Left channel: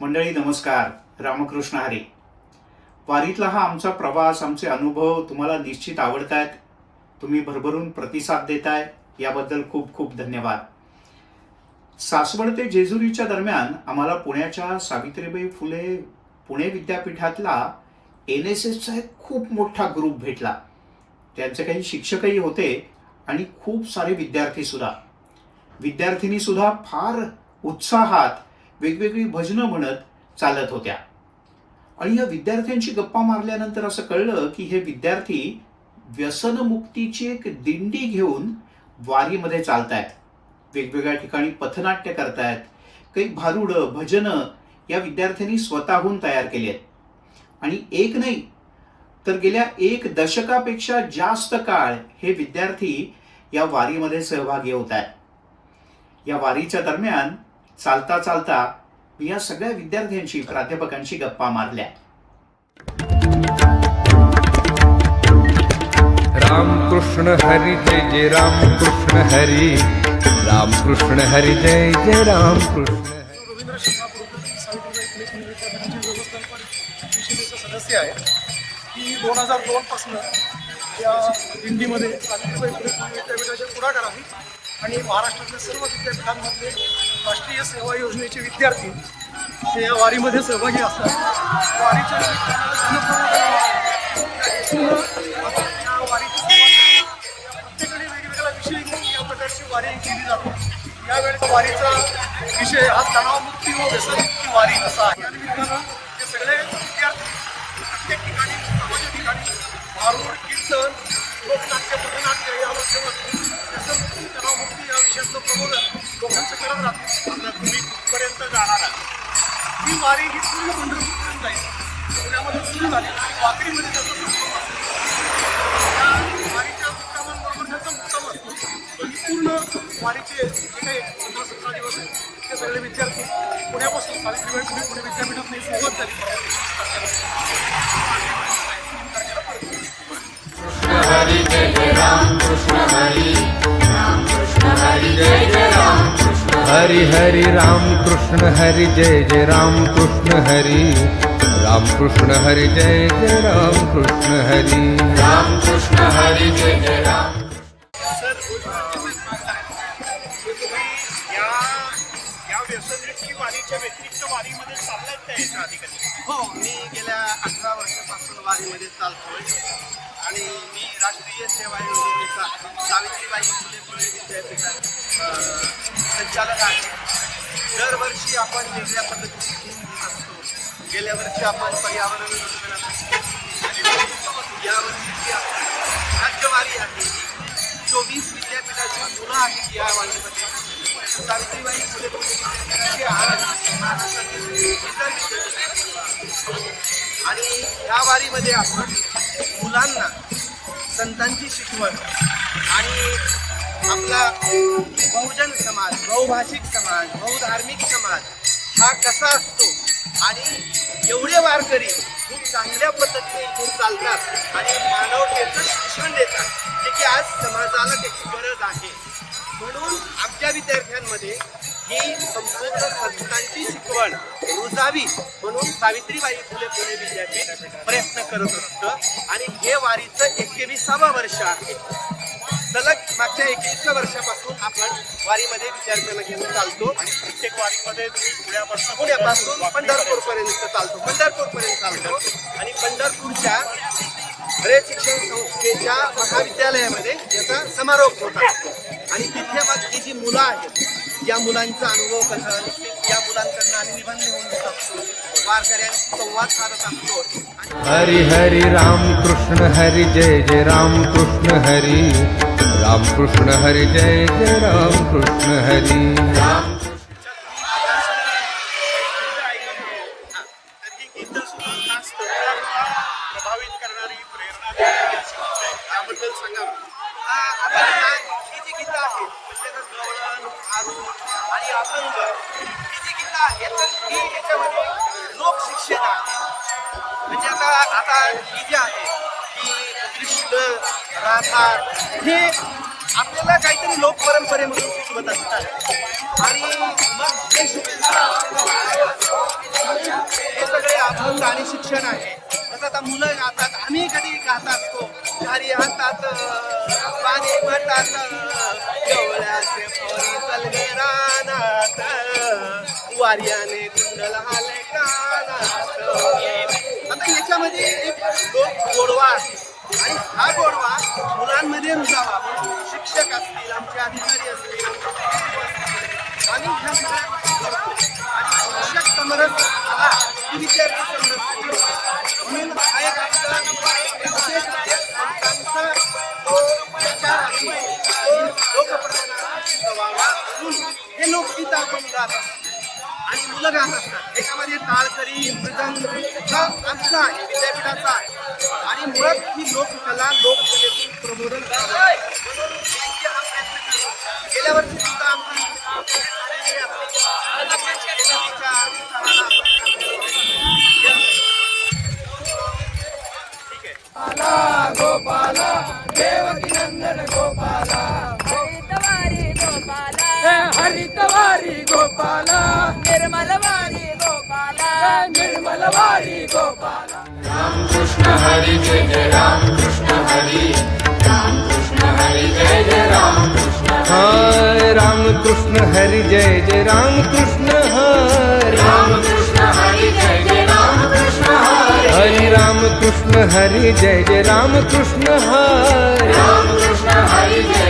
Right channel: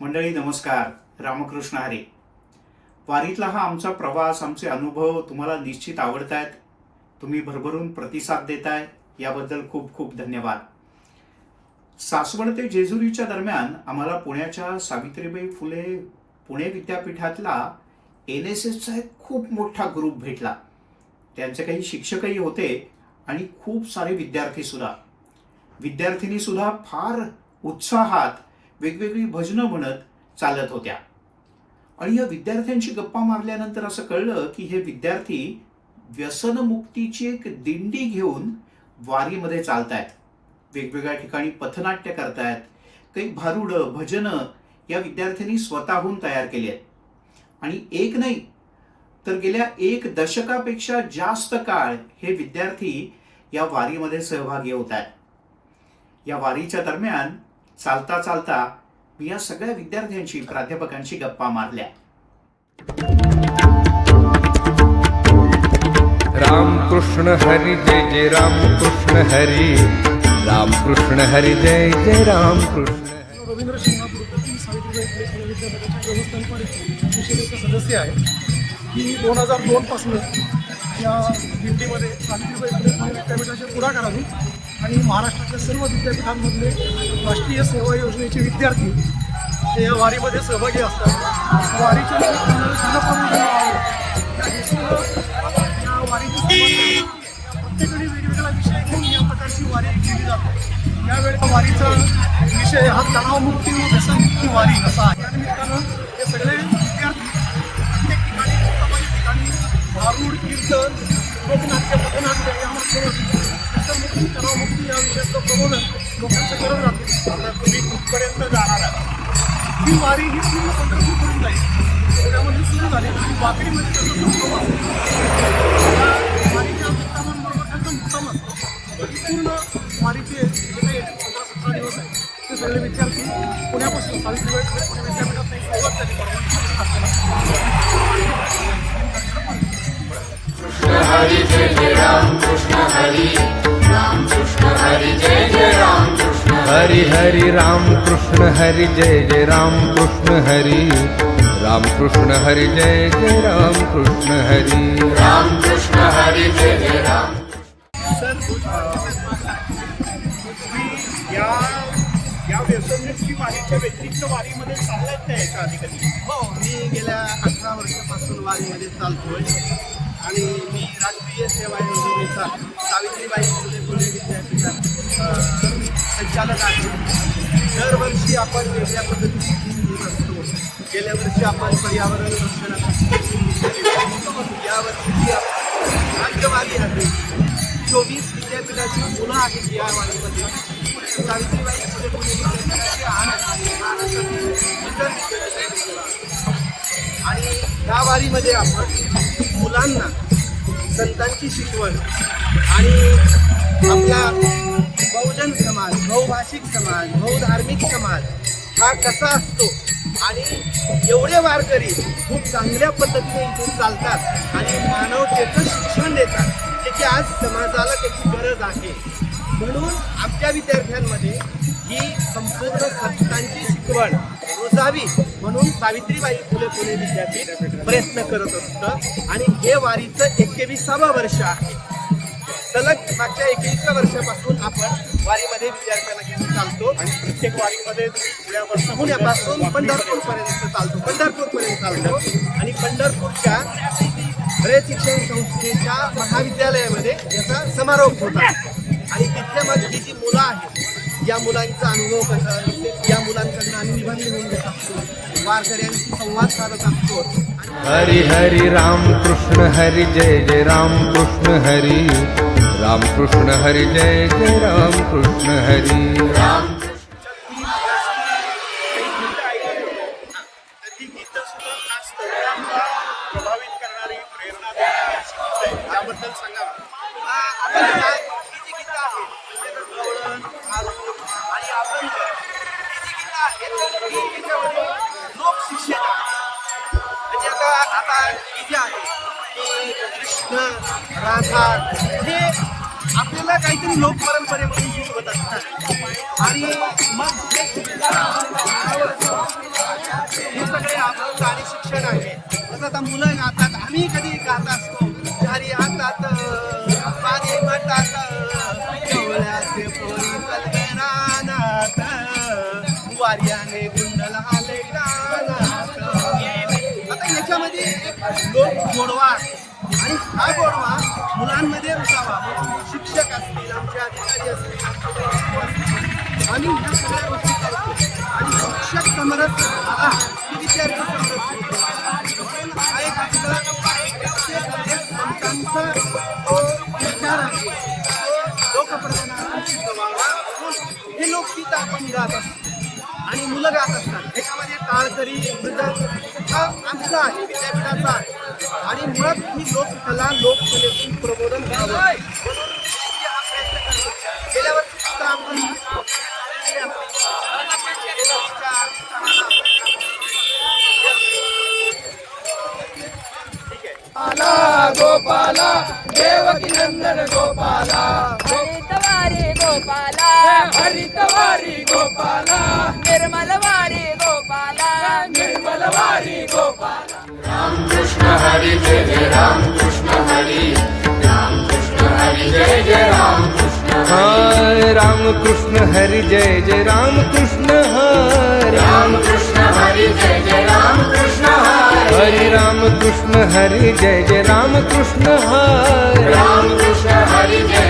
मंडळी नमस्कार. रामकृष्ण हरी. वारीतला हा आमचा प्रवास आमचे अनुभव तुम्हाला निश्चित आवडत आहेत तुम्ही भरभरून प्रतिसाद देताय याबद्दल खूप खूप धन्यवाद. सासवड ते जेजुरीच्या दरम्यान आम्हाला पुण्याच्या सावित्रीबाई फुले पुणे विद्यापीठातला एन एस एसचा एक खूप मोठा ग्रुप भेटला. त्यांचे काही शिक्षकही होते आणि खूप सारे विद्यार्थीसुद्धा विद्यार्थिनीसुद्धा फार उत्साहात वेगवेगळी भजनं म्हणत चालत होत्या. आणि या विद्यार्थ्यांशी गप्पा मारल्यानंतर असं कळलं की हे विद्यार्थी व्यसनमुक्तीची एक दिंडी घेऊन वारीमध्ये चालतायत. वेगवेगळ्या ठिकाणी पथनाट्य करतायत. काही भारुडं भजनं या विद्यार्थ्यांनी स्वतःहून तयार केली आहेत आणि एक नाही तर गेल्या एक दशकापेक्षा जास्त काळ हे विद्यार्थी या वारीमध्ये सहभागी होत आहेत या वारीच्या दरम्यान चालता चालता मी या सगळ्या विद्यार्थ्यांशी प्राध्यापकांशी गप्पा मारल्या. राम कृष्ण हरी जय जय राम कृष्ण हरी. राम कृष्ण हरी जय जय राम कृष्ण हरी. रवींद्र शिंगापूरकर मी सावित्रीबाई फुले पुणे विद्यापीठाचे व्यवस्थापन परिषदेचे सदस्य आहे. की दोन हजार दोनपासनं या दिंडीमध्ये सावित्रीबाई फुले पुणे विद्यापीठाच्या पुढाकाराने आणि महाराष्ट्रातल्या सर्व विद्यापीठांमधले राष्ट्रीय सेवा योजनेचे विद्यार्थी ते या वारीमध्ये सहभागी असतात वारीच्या निमित्तानं जनप्रबोधन व्हावं या वारीची या प्रत्येकाने वेगवेगळा विषय घेऊन या प्रकारची वारी केली जाते. यावेळी वारीचा विषय हा तणावमुक्ती व व्यसनमुक्ती वारी असा आहे. या निमित्तानं हे सगळे विद्यार्थी प्रत्येक ठिकाणी समाजाच्या ठिकाणी भारूड कीर्तन लोकनाट्य पथनाट्य या माध्यमातून तणावमुक्ती या विषयाचं प्रबोधन लोकांचं करत राहतो. आता तुम्ही कुठपर्यंत जाणार आहात? ही वारी ही पूर्ण पंढरपूरपर्यंत जाईल पुण्यामध्ये सुरू झाली आणि वाकडीमध्ये त्याचा संभ्रम असेल या वारीच्या मुक्कामांबरोबर त्याचा मुक्काम असतो. पण पूर्ण वारीचे जे काही पंधरा सतरा दिवस आहेत ते सगळे विद्यार्थी पुण्यापासून सावित्रीबाई पुणे विद्यापीठात नाही सुरुवात झाली परवा हरी हरी राम कृष्ण हरी जय जय राम कृष्ण हरी। राम कृष्ण हरी जय जय राम कृष्ण हरी। राम सर या या व्यसनमुक्ती वारीच्या व्यतिरिक्त वारीमध्ये चाललात का याच्या आधी कधी? हो मी गेल्या अठरा वर्षापासून वारीमध्ये चालतोय. आणि मी राष्ट्रीय सेवा योजनेचा सावित्रीबाई फुले पुणे विद्यापीठात संचालक आहे दरवर्षी आपण वेगळ्या पद्धतीची थीम घेत असतो. गेल्या वर्षी आपण पर्यावरण रक्षणासाठी यावर्षीची आपण राज्यवारी आहे चोवीस विद्यापीठाची मुलं आहेत या वारीमध्ये. सावित्रीबाई फुले पुणे विद्यापीठाचे महाराष्ट्रातील इतर विद्यापीठाची मुलं आणि या वारीमध्ये आपण मुलांना संतांची शिकवण आणि आपला बहुजन समाज बहुभाषिक समाज बहुधार्मिक समाज हा कसा असतो? आणि एवढे वारकरी खूप चांगल्या पद्धतीने इथून चालतात आणि मानवतेचं शिक्षण देतात जे की आज समाजाला त्याची गरज आहे. म्हणून आमच्या विद्यार्थ्यांमध्ये ही संपूर्ण संस्थांची शिकवण रुजावी म्हणून सावित्रीबाई फुले पुणे विद्यापीठ प्रयत्न करत असतं. आणि हे वारीचं एकविसावं वर्ष आहे. सलग मागच्या एकवीसव्या वर्षापासून आपण वारीमध्ये विद्यार्थ्यांना घेऊन चालतो. आणि प्रत्येक वारीमध्ये तुम्ही पुण्यापासून पुण्यापासून पंढरपूर पर्यंत चालतो. पंढरपूर पर्यंत चालतो. आणि पंढरपूरच्या हरे शिक्षण संस्थेच्या महाविद्यालयामध्ये याचा समारोप होता आणि तिथे मग ही जी मुलं आहेत या मुलांचा अनुभव कसा निश्चित या मुलांकडनं आम्ही निबंध लिहून घेत असतो. वारकऱ्यांशी संवाद साधत असतो. हरी हरी राम कृष्ण हरी जय जय राम कृष्ण हरी. राम कृष्ण हरी जय जय राम कृष्ण हरी. प्रभावित करणारी प्रेरणा त्याबद्दल सांगा आहेत म्हणजे गवळण भारूड आणि अभंग ही जी गीतं आहेत तर ही याच्यामध्ये लोकशिक्षण आहे. म्हणजे आता आता ही जी आहे की कृष्ण राधा हे आपल्याला काहीतरी लोक परंपरेमधून शिकवत असतात. आणि मग हे शिक्षण सगळे अभंग आणि शिक्षण आहे. जसं आता मुलं गातात आम्ही कधी गात असतो घरी वार्याने कुंडल आले कानात. आता याच्यामध्ये एक लोक गोडवा आणि हा गोडवा मुलांमध्ये रुजावा. म्हणून शिक्षक असतील आमचे अधिकारी असतील आम्ही ह्या सगळ्या गोष्टी करतो. आणि शिक्षक समरस आला की विद्यार्थी समरस होतो म्हणून हा एक आपला प्रत्येक संतांचा तो विचार आहे. तो लोकप्रबोधनाचा सिद्ध म्हणून हे लोकगीत आपण गात असतो. आणि मुलं गात असतात. एकामध्ये टाळकरी मृदंग हा आमचा आहे विद्यापीठाचा आहे. आणि मुळात ही लोककला लोककलेतून प्रबोधन व्हावं. म्हणून हा प्रयत्न करतो गेल्या वर्षी सुद्धा आपण झालेली आपली आपण शेजारीच्या सणाला ठीक आहे हरितवारी गोपाला हरितवारी गोपाला निर्मलवारी गोपाला निर्मलवारी गोपाला हाय राम कृष्ण हरी। जय जय राम कृष्ण हरी हरी। राम कृष्ण हरी जय जय राम कृष्ण हरी